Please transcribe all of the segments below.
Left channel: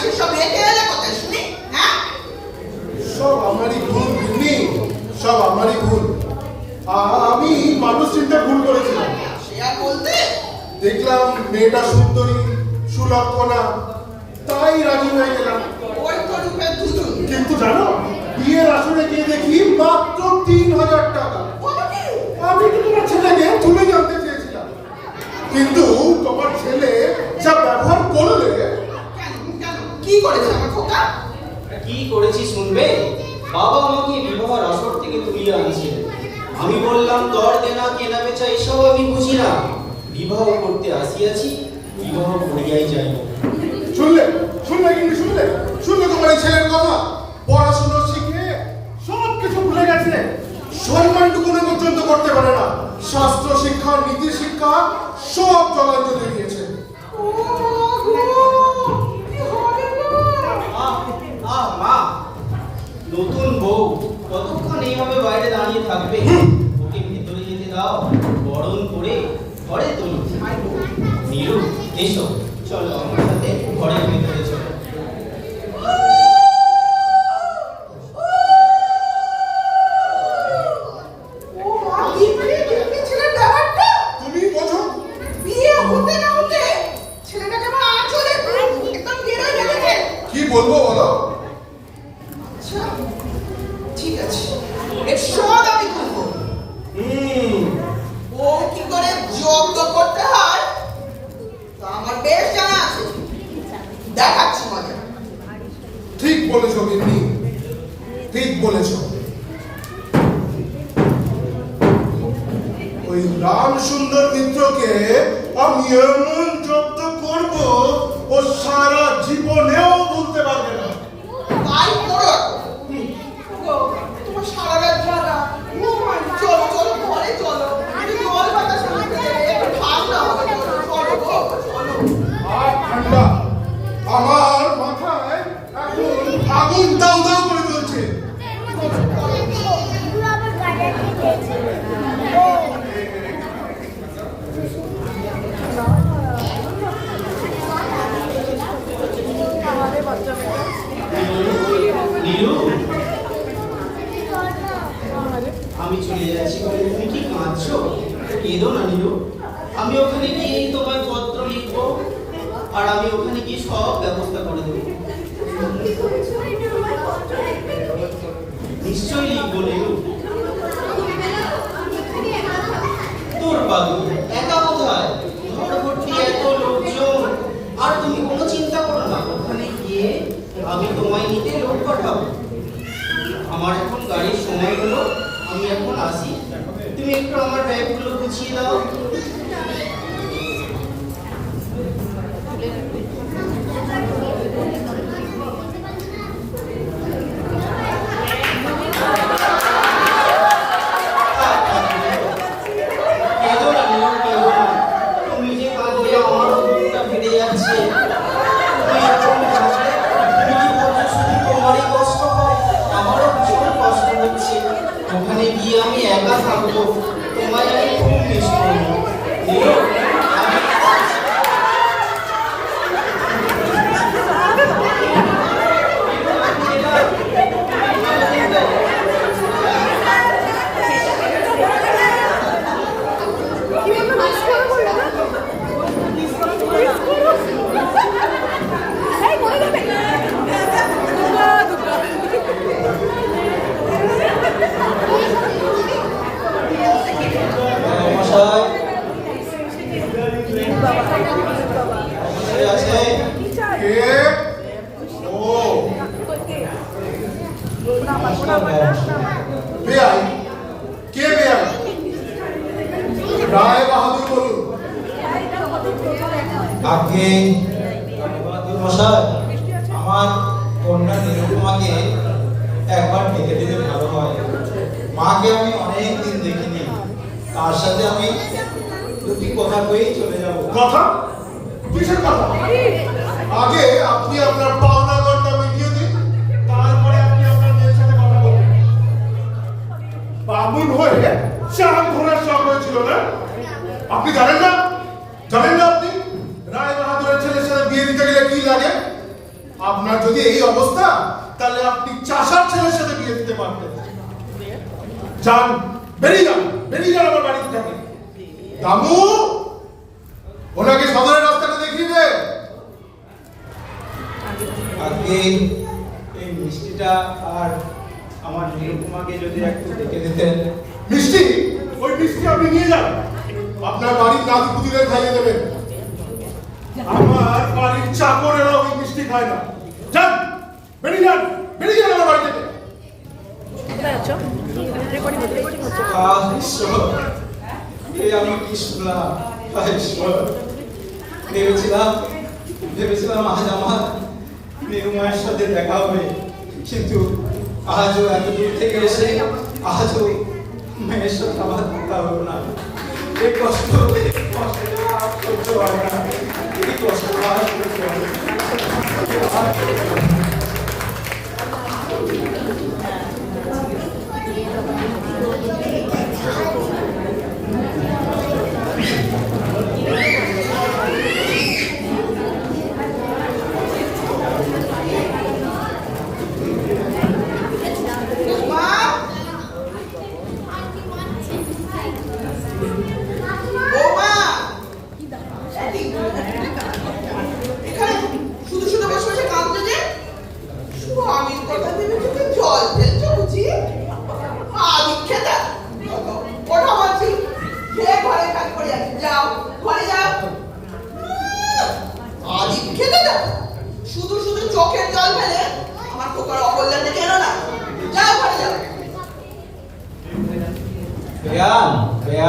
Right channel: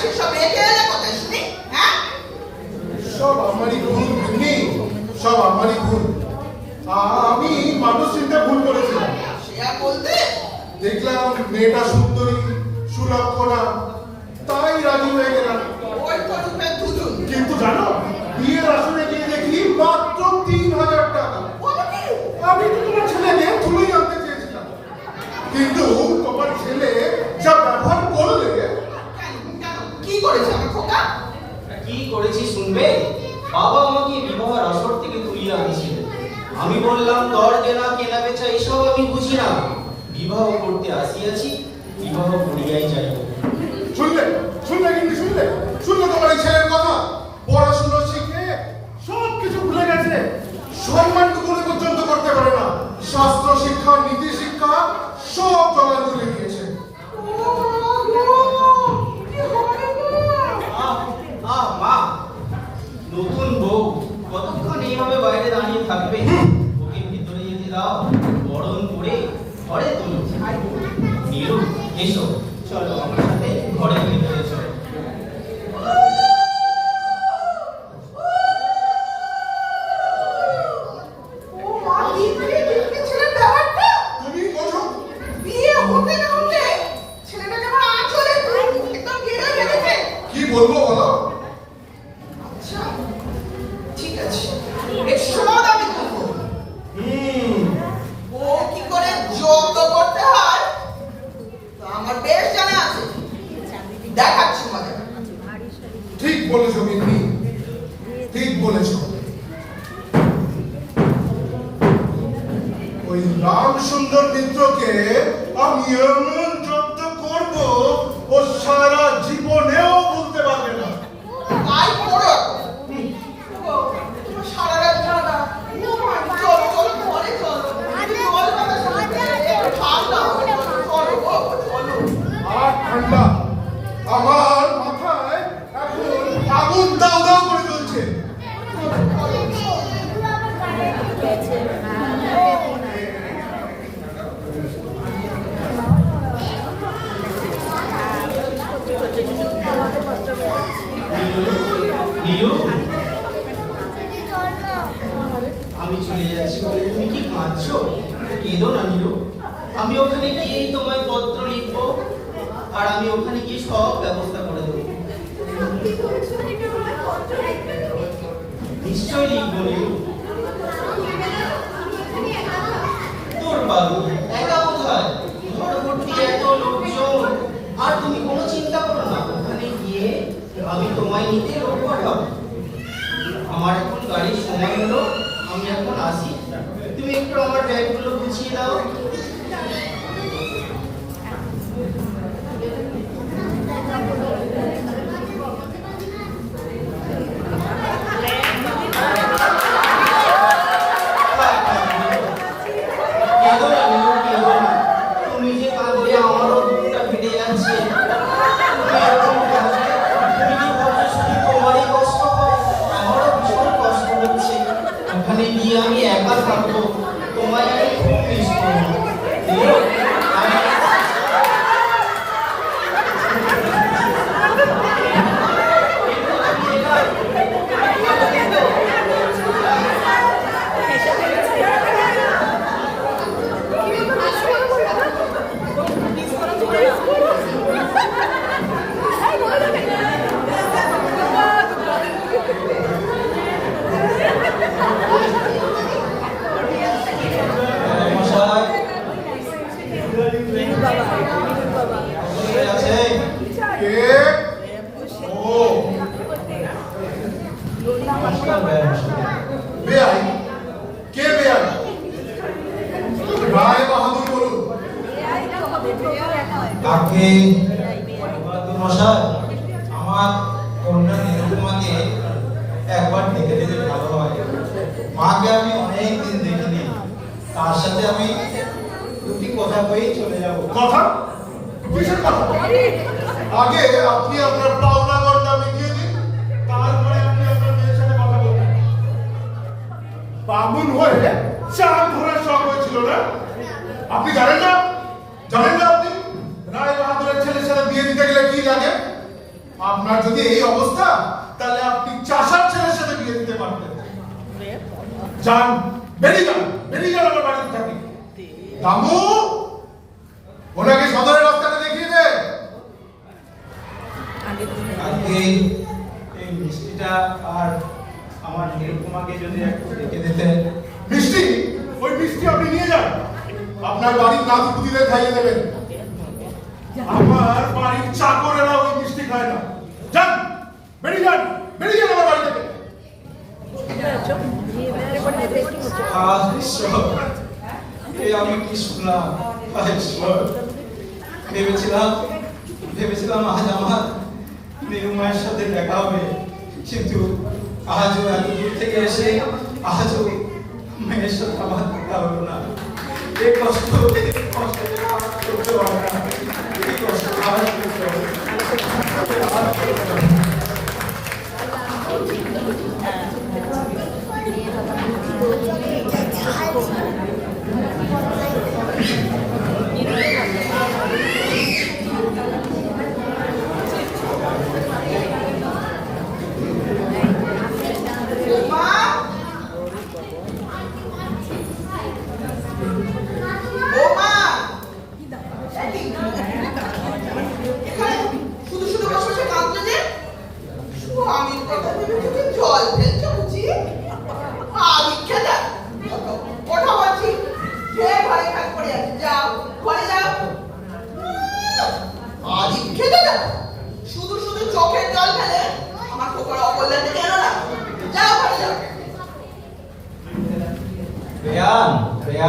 সেসব রেখে এলে কোথায় শুনি হ্যাঁ সব আমারই ভুল বুঝলি? সব আমারই ভুল। আমি মানুষ চিন্তা ভুল করেছিলাম। সে আর বলতে দেখলাম মেয়েটা সুন্দরী সুলক্ষণা। তাই রাজি হয়ে গেলাম। ওই তো রূপে দুদুন কিন্তু জানো বিয়ের আসনে গিয়ে দেখি মাত্র তিন হাজার টাকা বলো কি আমি তো তোমার ছেলেকে তুলে জানতে চেয়েছিলাম কিন্তু তোমার ছেলে যা ব্যবহার করলে কেন কেন কি করেছে আমার খোকা? কি করেছি শুনবে? বাবা আমাকে বিবাহের আসর থেকে তুলিয়ে আনছিল আমি বললাম দর দেনা, কেনা বেচা, এসব আমি বুঝি না। বিবাহ করতে আসিয়াছি, বিবাহ করিয়াই যাইব শুনলে? শুনলে কিন্তু শুনলে? শুনলে তোমার এই ছেলের কথা? পড়াশুনো শিখে সব কিছু ভুলে গেছে। সম্মানটুকুনি পর্যন্ত করতে পারে না। শাস্ত্র শিক্ষা, নীতি শিক্ষা, সব জলাঞ্জলি দিয়েছে আহ আহ মা নতুন বউ কতক্ষণ এইভাবে বাইরে দাঁড়িয়ে থাকবে ওকে ভেতরে যেতে দাও বরণ করে ঘরে তোলো নীরু এসো চলো আমার সাথে ঘরের ভেতরে চলো ও মা বিয়ে বিয়ে ছেলের ব্যাপারটা তুমি বোঝো বিয়ে হতে না হতে ছেলেটাকে আমার আঁচলে একদম গেড়ে ফেলেছে কি বলব বলো? আচ্ছা ঠিক আছে। এর আমি ও কি করে যোগ্য করতে হয়? তা আমার বেশ জানা আছে। দেখাচ্ছি মজা ঠিক বলেছ ঠিক বলেছ। ওই রাম সুন্দর মিত্রকে আমি এমন যত্ন করব ও সারা জীবনেও ভুলতে পারবে না তাই করো গো, তোমার সারা রাত জানা ও মা, চলো চলো ঘরে চলো একটু জল বাতাস লাগবে একটু ঠান্ডা হবে চলো চলো গো, চলো আর ঠান্ডা আমার মাথায় এখন আগুন দাউ দাউ করে চলছে নীলু আমি চলে যাচ্ছি বলে তুমি কি কাঁদছো কেঁদো না নীলু আমি ওখানে গিয়েই তোমায় পত্র লিখব আর আমি ওখানে গিয়ে সব ব্যবস্থা করে দেবো নিশ্চয়ই লিখব নীলু তোর বাবু একা কোথায় ঘর ভর্তি এত লোকজন আর তুমি কোনো চিন্তা করো না ওখানে গিয়ে আমি তোমায় নিতে লোক পাঠাবো আমার এখন গাড়ির সময় হলো, আমি এখন আসি। তুমি একটু আমার ব্যাগগুলো গুছিয়ে দাও। কেঁদো নীলু, আমি- আমার কন্যা নিরুপমাকে একবার ডেকে ভালো হয়। মাকে আমি দেখিনি। তার সাথে আমি দুটি কথা কয়েই চলে যাব। কথা? আগে আপনি আপনার পাওনা মিটিয়ে দিন, তারপরে আপনি আপনার মেয়ের সাথে কথা বলবেন হয়ে চার ঘোড়ার শখ হয়েছিল না? আপনি জানেন না? জানেন না আপনি? বিয়ে দিতে গেলে কি লাগে? আপনার যদি এই অবস্থা তাহলে আপনি চাষার ছেলের সাথে বিয়ে দিতে পারতেন যান বেরিয়ে যান বেরিয়ে যান আমার বাড়ি থেকে। দামু ওনাকে সদরের রাস্তাটা দেখিয়ে দে। আজকে এই মিষ্টিটা আর আমার নিরুপমাকে যদি একটু ডেকে দিতেন। মিষ্টি? ওই মিষ্টি আপনি নিয়ে যান। আপনার বাড়ির নাথ পুতিদের খাইয়ে দেবেন। আমার বাড়ির চাকরেরা ওই মিষ্টি খায় না যান বেরিয়ে যান বেরিয়ে যান আমার বাড়ি সাথে দেখা হবে কিন্তু আজও এত থেকে এসে মেয়ের সাথে আমার দেখা হলো না কষ্ট আর সহ্য না এই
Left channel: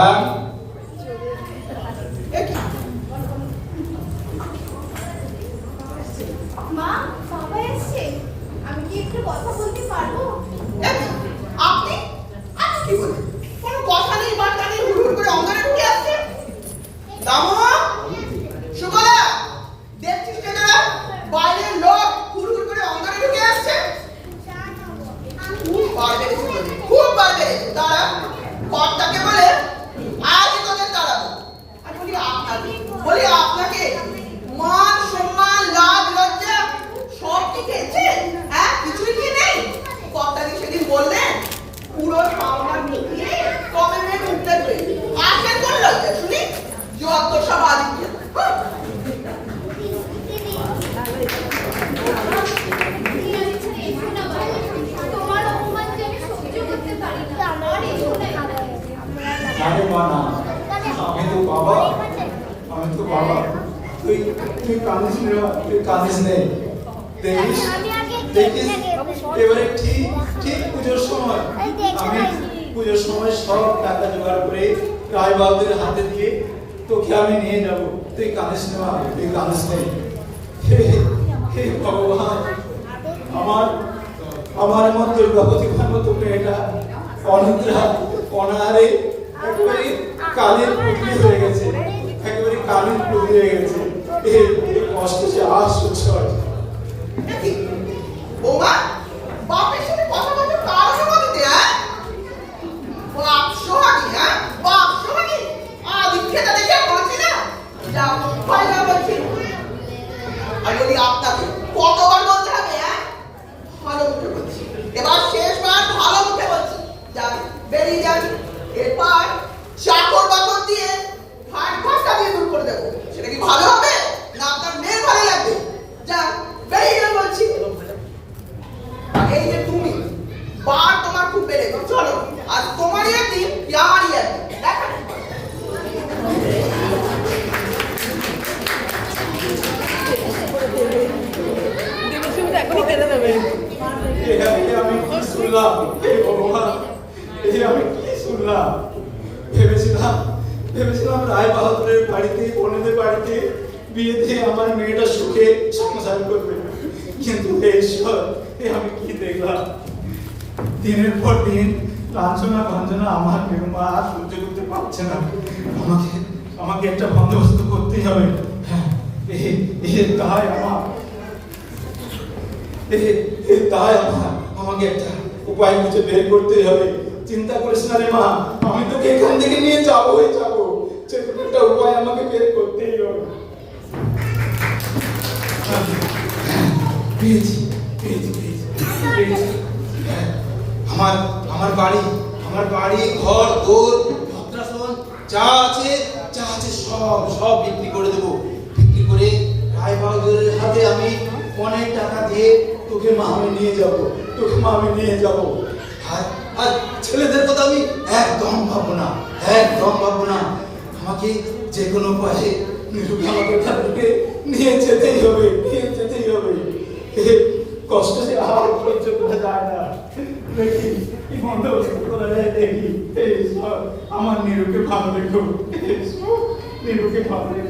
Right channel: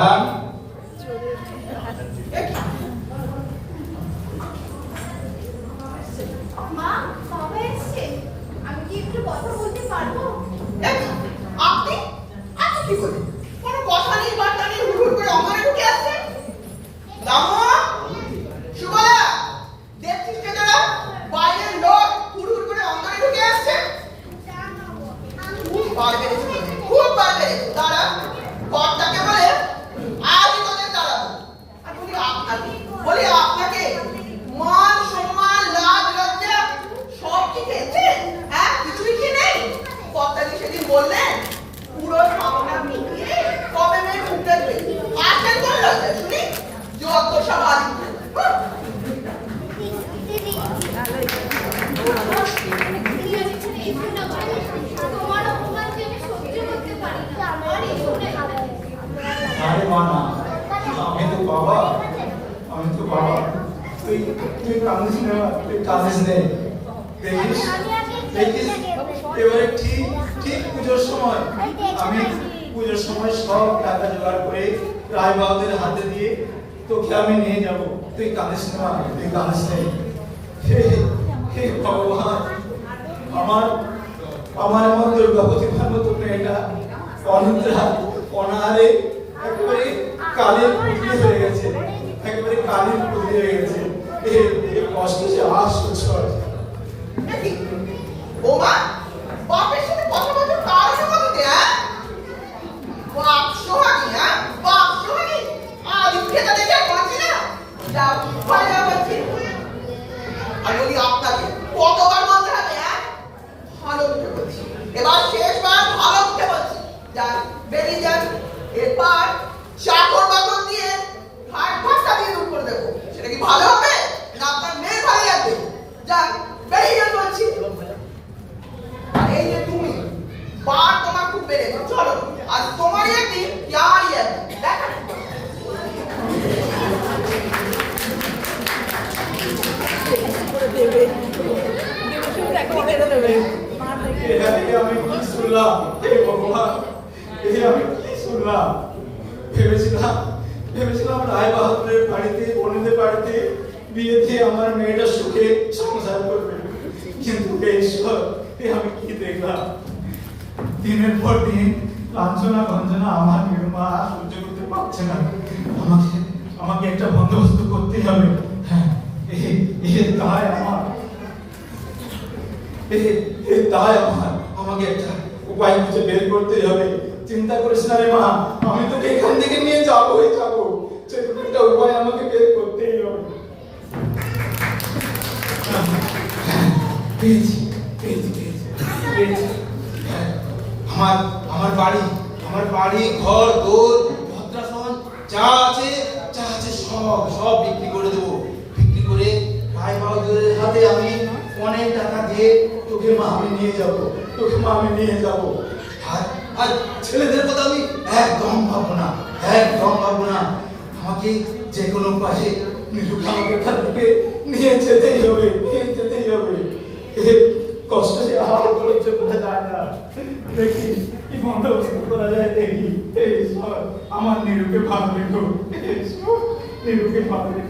pagar আরে মা না। আমি তো বাবা। আমি তো বাবা। তুই তুই কাঁদিস নে, তুই কাঁদিস নে। দেখিস? দেখিস? এবারে ঠিক ঠিক পুজোর সময়। আমি পুজোর সময় সব টাকা জোগাড় করে রায় বাবুদের হাতে দিয়ে তোকে আমি নিয়ে যাব। তুই কাঁদিস নে, তুই কাঁদিস নে। হে ভগবান। আমার আমার এমন দুর্গাপতি মতো মেয়েটা অনিদ্রা, অনাহারে বৌমা, বাপের সাথে কথা বলতে কার বাপ সোহাগী হ্যাঁ? বাপ সোহাগী? আদি খেতে দেখে বলছি কতবার বলতে হবে হ্যাঁ? ভালো মুখে বলছি। এবার শেষবার ভালো মুখে বলছি। যান বেরিয়ে যান এরপর চাকর বাকর দিয়ে ঘাট ঘাটটা দিয়ে দূর করে দেবো। সেটা কি ভালো হবে, না আপনার ভালো লাগবে? যান বলছি আর এই যে তুমি বার তোমার খুব বেড়েছে চলো আর তোমারই একদিন কি আমারই একদিন দেখা এ এ আমি কি শুনলাম হে ভগবান এ আমি কি শুনলাম ভেবেছিলাম ভেবেছিলাম রায় বাহাদুরের বাড়িতে বনেদের বাড়িতে বিয়ে দিয়ে আমার মেয়েটা সুখে সংসার করবে কিন্তু ঈশ্বর এ আমি কি দেখলাম দিনের পর দিন লাঞ্ছনা গঞ্জনা আমার আর সহ্য করতে পারছে না আমাকে আমাকে একটা বন্দোবস্ত করতেই হবে হ্যাঁ এ দায় আমার এ আমার। আমাকে একটা উপায় খুঁজে বের করতেই হবে। চিন্তা করিস না রে মা, আমি তোকে এখান থেকে নিয়ে যাবোই যাব। একটা উপায় আমাকে বের করতেই হবে। পেয়েছি তোকে আমি নিয়ে যাব। আর আর ছেলেদের কথা আমি একদম ভাবো না, একদম ভাবো না। আমাকে যে কোনো উপায়ে নীলুকে আমাকে তার দিকে নিয়ে যেতেই হবে, নিয়ে যেতেই হবে। কষ্ট যে আর সহ্য করা যায় না দেখি এই বন্দোবস্ত করা যায় দেখি। আমার নীলুকে ভালো দেখো নীলুকে ভালো দেখো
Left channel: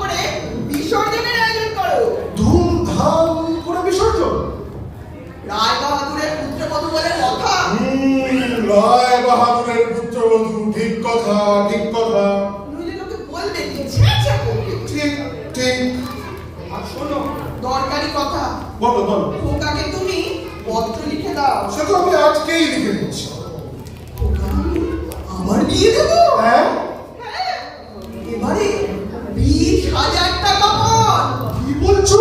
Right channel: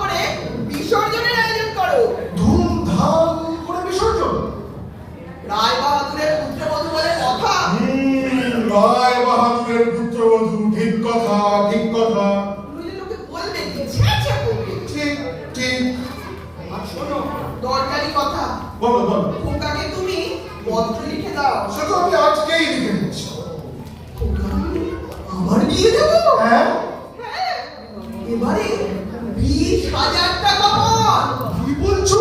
করে বিসর্জনের আয়োজন করো। ধুমধাম করে বিসর্জন। রায় বিশ হাজার টাকা পান। কি বলছো?